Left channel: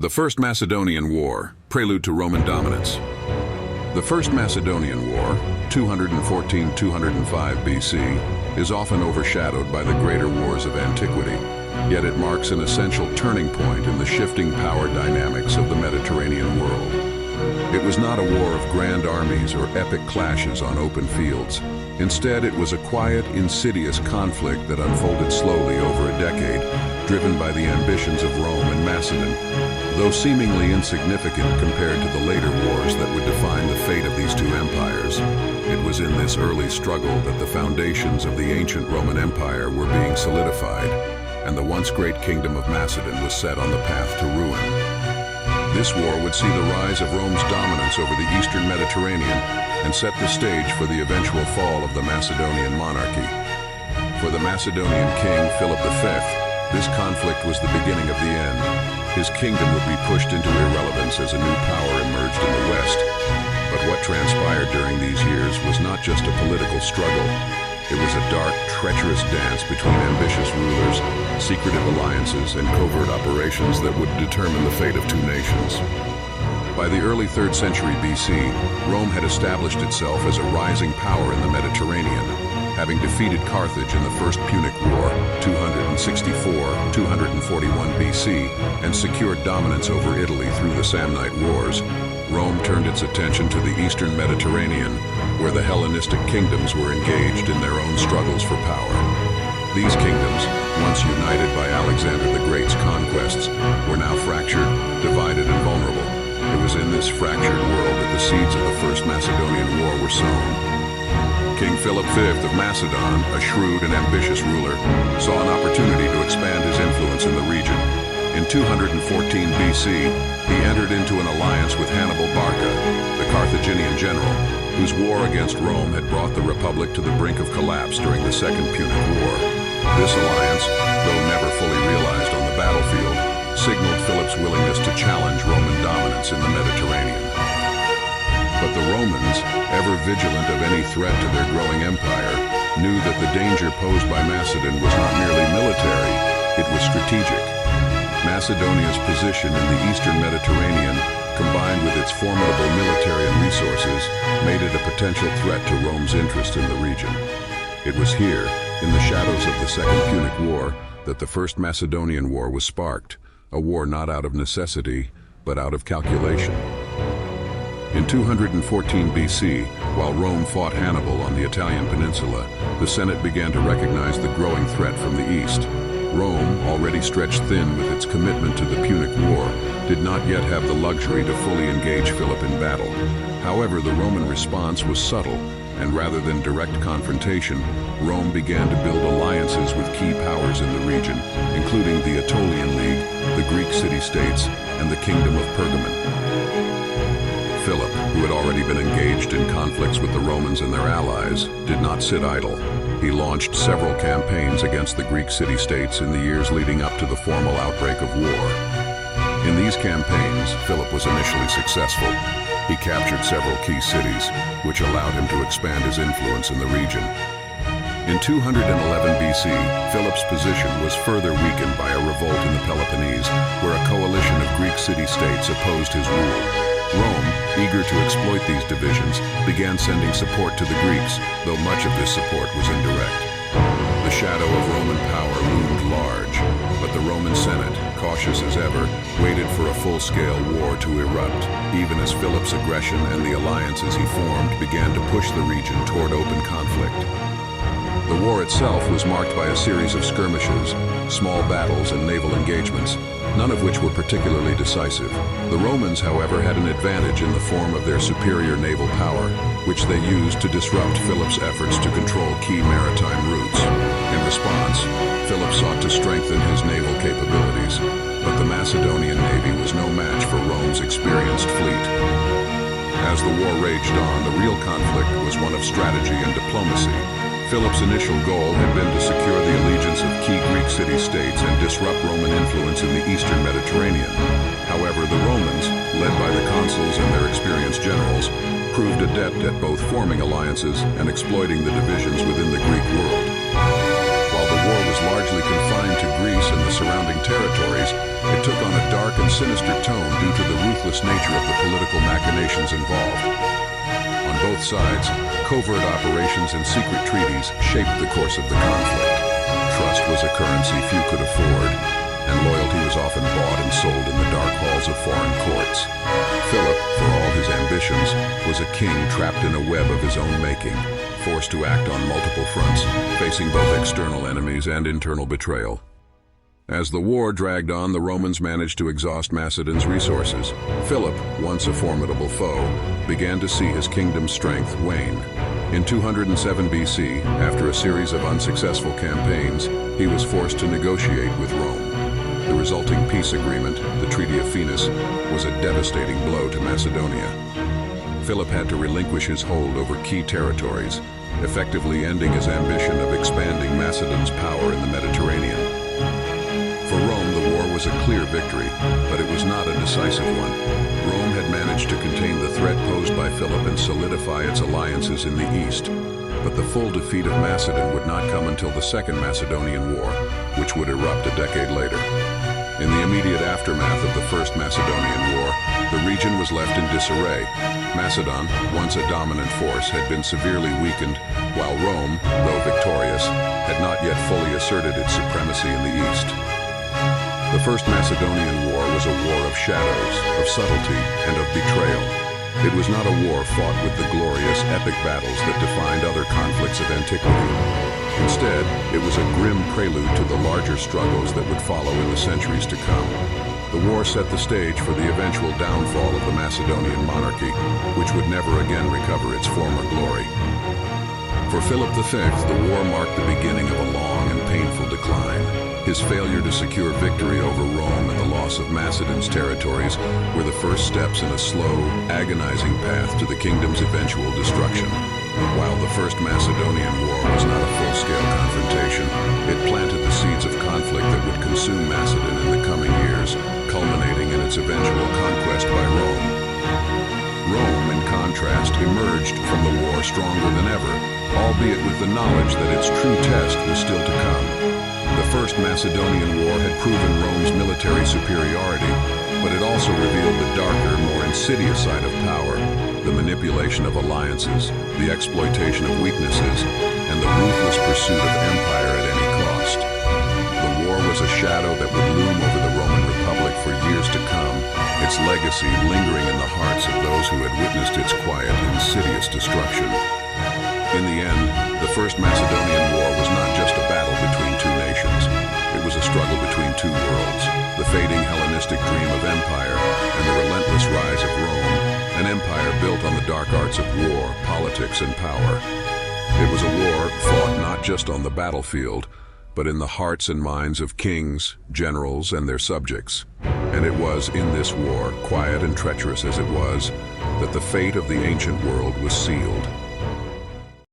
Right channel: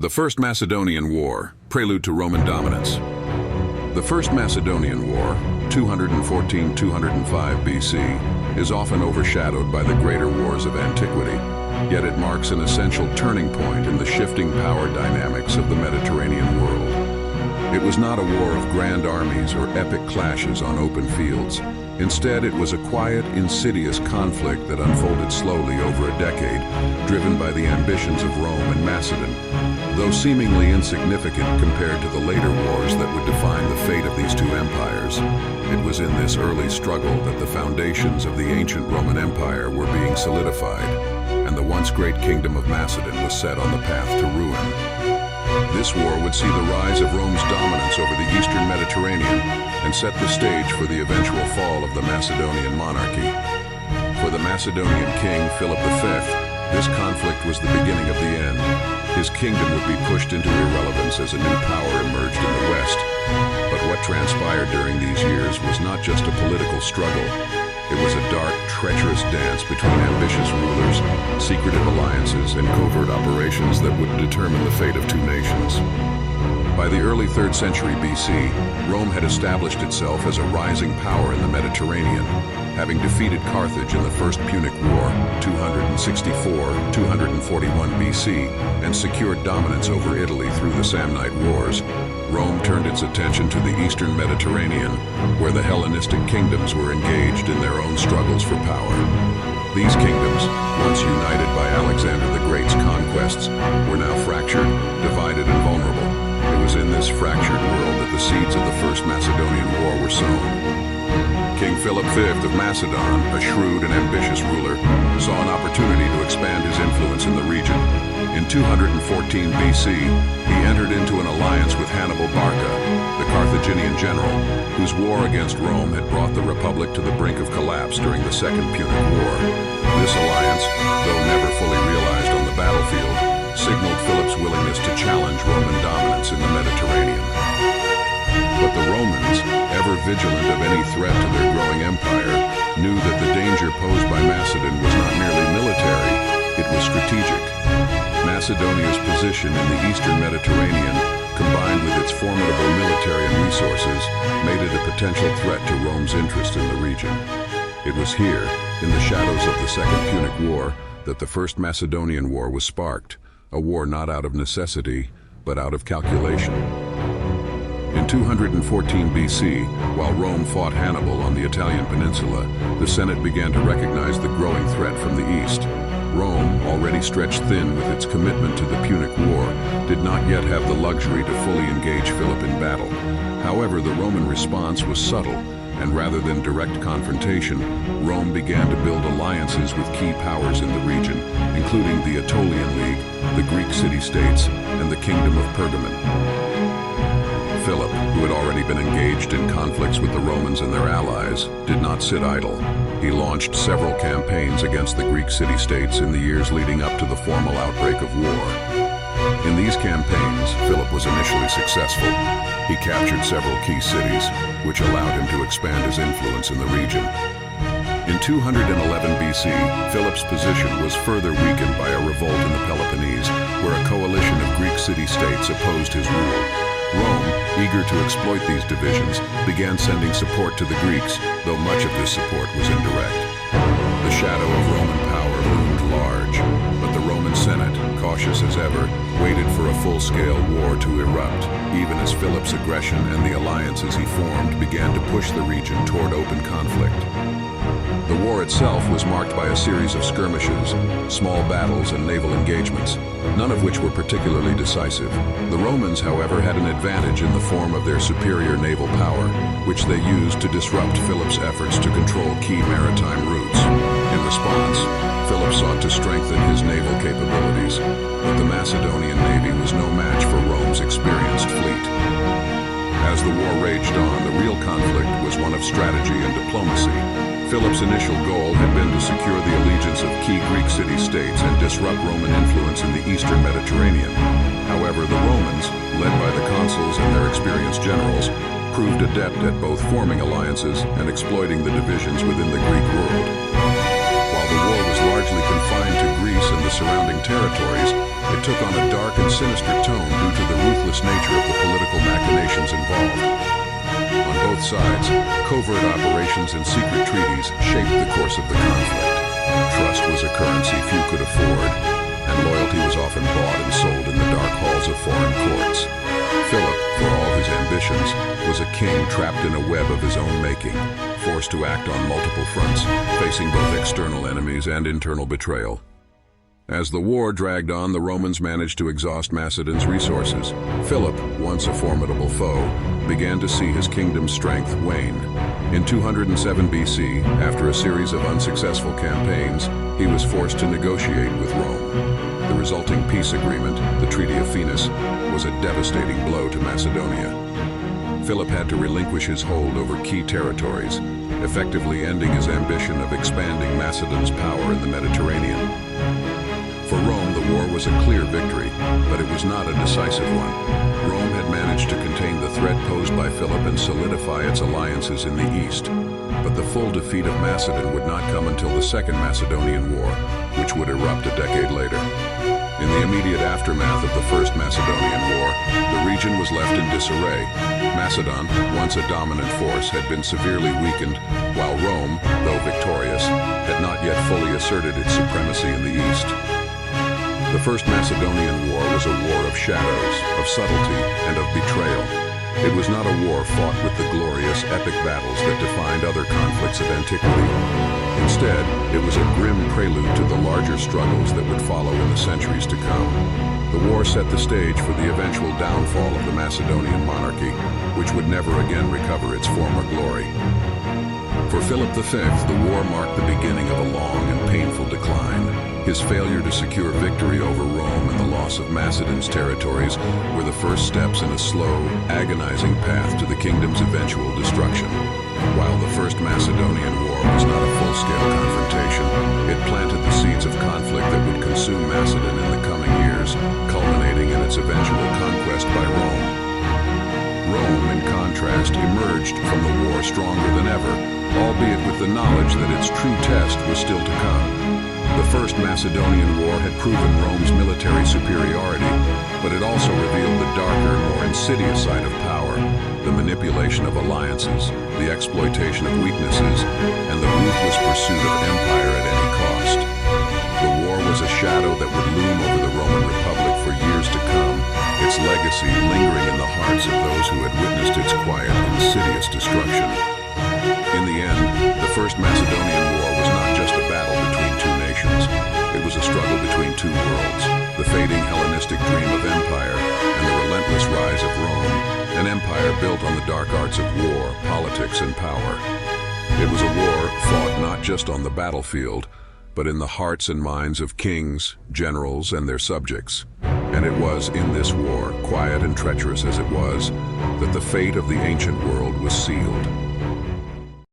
The First Macedonian War, prelude to Roman dominance. The First Macedonian War, 214-205 BC, is often overshadowed by the greater wars of antiquity, yet it marks an essential turning point in the shifting power dynamics of the Mediterranean world. It was not a war of grand armies or epic clashes on open fields. Instead, it was a quiet, insidious conflict that unfolded slowly over a decade, driven by the ambitions of Rome and Macedon. Though seemingly insignificant compared to the later wars that would define the fate of these two empires, it was in this early struggle that the foundations of the ancient Roman Empire were being solidified, and the once great Kingdom of Macedon was set on the path to ruin. This war would see the rise of Rome's dominance over the eastern Mediterranean and set the stage for the eventual fall of the Macedonian monarchy. For the Macedonian king Philip V, this conflict was the beginning of the end. His kingdom would be pushed into irrelevance as a new power emerged in the west. But what transpired during these years was not just a political struggle. It was a dark, treacherous dance between ambitious rulers, secretive alliances, and covert operations that would determine the fate of two nations. By the early 3rd century BC, Rome had established itself as a rising power in the Mediterranean, having defeated Carthage in the First Punic War, 264-241 BC, and secured dominance over Italy through the Samnite Wars. Rome turned its attention to the eastern Mediterranean, where the Hellenistic kingdoms were engaged in their own struggles for power. These kingdoms, once united by Alexander the Great's conquests, were now fractured, divided, and vulnerable. It was in this fractured world that the seeds of the First Macedonian War were sown. King Philip V of Macedon, a shrewd and ambitious ruler, saw an opportunity to expand his influence in the region. In 214 BC, he entered into an alliance with Hannibal Barca, the Carthaginian general, whose war against Rome had brought the Republic to the brink of collapse during the Second Punic War. This alliance, though never fully realized on the battlefield, signaled Philip's willingness to challenge Roman dominance in the Mediterranean. But the Romans, ever vigilant of any threat to their growing empire, knew that the danger posed by Macedon was not merely military, it was strategic. Macedonia's position in the eastern Mediterranean, combined with its formidable military and resources, made it a potential threat to Rome's interest in the region. It was here, in the shadows of the Second Punic War, that the First Macedonian War was sparked, a war not out of necessity, but out of calculation. In 214 BC, while Rome fought Hannibal on the Italian peninsula, the Senate began to recognize the growing threat from the east. Rome, already stretched thin with its commitment to the Punic War, did not yet have the luxury to fully engage Philip in battle. However, the Roman response was subtle, and rather than direct confrontation, Rome began to build alliances with key powers in the region, including the Aetolian League, the Greek city-states, and the Kingdom of Pergamon. Philip, who had already been engaged in conflicts with the Romans and their allies, did not sit idle. He launched several campaigns against the Greek city-states in the years leading up to the formal outbreak of war. In these campaigns, Philip was initially successful. He captured several key cities, which allowed him to expand his influence in the region. In 211 BC, Philip's position was further weakened by a revolt in the Peloponnese, where a coalition of Greek city-states opposed his rule. Rome, eager to exploit these divisions, began sending support to the Greeks, though much of this support was indirect. The shadow of Roman power loomed large, but the Roman Senate, cautious as ever, waited for a full-scale war to erupt, even as Philip's aggression and the alliances he formed began to push the region toward open conflict. The war itself was marked by a series of skirmishes, small battles, and naval engagements, none of which were particularly decisive. The Romans, however, had an advantage in the form of their superior naval power, which they used to disrupt Philip's efforts to control key maritime routes. In response, Philip sought to strengthen his naval capabilities, but the Macedonian navy was no match for Rome's experienced fleet. As the war raged on, the real conflict was one of strategy and diplomacy. Philip's initial goal had been to secure the allegiance of key Greek city-states and disrupt Roman influence in the eastern Mediterranean. However, the Romans, led by the consuls and their experienced generals, proved adept at both forming alliances and exploiting the divisions within the Greek world. While the war was largely confined to Greece and the surrounding territories, it took on a dark and sinister tone due to the ruthless nature of the political machinations involved. On both sides, covert operations and secret treaties shaped the course of the conflict. Trust was a currency few could afford, and loyalty was often bought and sold in the dark halls of foreign courts. Philip, for all his ambitions, was a king trapped in a web of his own making, forced to act on multiple fronts, facing both external enemies and internal betrayal. As the war dragged on, the Romans managed to exhaust Macedon's resources. Philip, once a formidable foe, began to see his kingdom's strength wane. In 207 BC, after a series of unsuccessful campaigns, he was forced to negotiate with Rome. The resulting peace agreement, the Treaty of Phalanx, was a devastating blow to Macedonia. Philip had to relinquish his hold over key territories, effectively ending his ambition of expanding Macedon's power in the Mediterranean. For Rome, the war was a clear victory, but it was not a decisive one. Rome had managed to contain the threat posed by Philip and solidify its alliances in the east. But the full defeat of Macedon would not come until the Second Macedonian War, which would erupt a decade later. In the immediate aftermath of the First Macedonian War, the region was left in disarray. Macedon, once a dominant force, had been severely weakened, while Rome, though victorious, had not yet fully asserted its supremacy in the east. The First Macedonian War was a war of shadows, of subtlety, and of betrayal. It was not a war fought with the glorious, epic battles that defined other conflicts of antiquity. Instead, it was a grim prelude to the larger struggles that would follow in the centuries to come. The war set the stage for the eventual downfall of the Macedonian monarchy, which would never again recover its former glory. For Philip V, the war marked the beginning of a long and painful decline. His failure to secure victory over Rome and the loss of Macedon's territories were the first steps in a slow, agonizing path to the kingdom's eventual destruction. While the First Macedonian War was not a full-scale confrontation, it planted the seeds of conflict that would consume Macedon in the coming years, culminating in its eventual conquest by Rome. Rome, in contrast, emerged from the war stronger than ever, albeit with the knowledge that its true test was still to come. The First Macedonian War had proven Rome's military superiority, but it also revealed the darker, more insidious side of power, the manipulation of alliances, the exploitation of weaknesses, and the ruthless pursuit of empire at any cost. The war was a shadow that would loom over the Roman Republic for years to come, its legacy lingering in the hearts of those who had witnessed its quiet, insidious destruction. In the end, the First Macedonian War was not just a battle between two nations. It was a struggle between two worlds, the fading Hellenistic dream of empire and the relentless rise of Rome, an empire built on the dark arts of war, politics, and power. It was a war fought not just on the battlefield, but in the hearts and minds of kings, generals, and their subjects. And it was in this war, quiet and treacherous as it was, that the fate of the ancient world was sealed.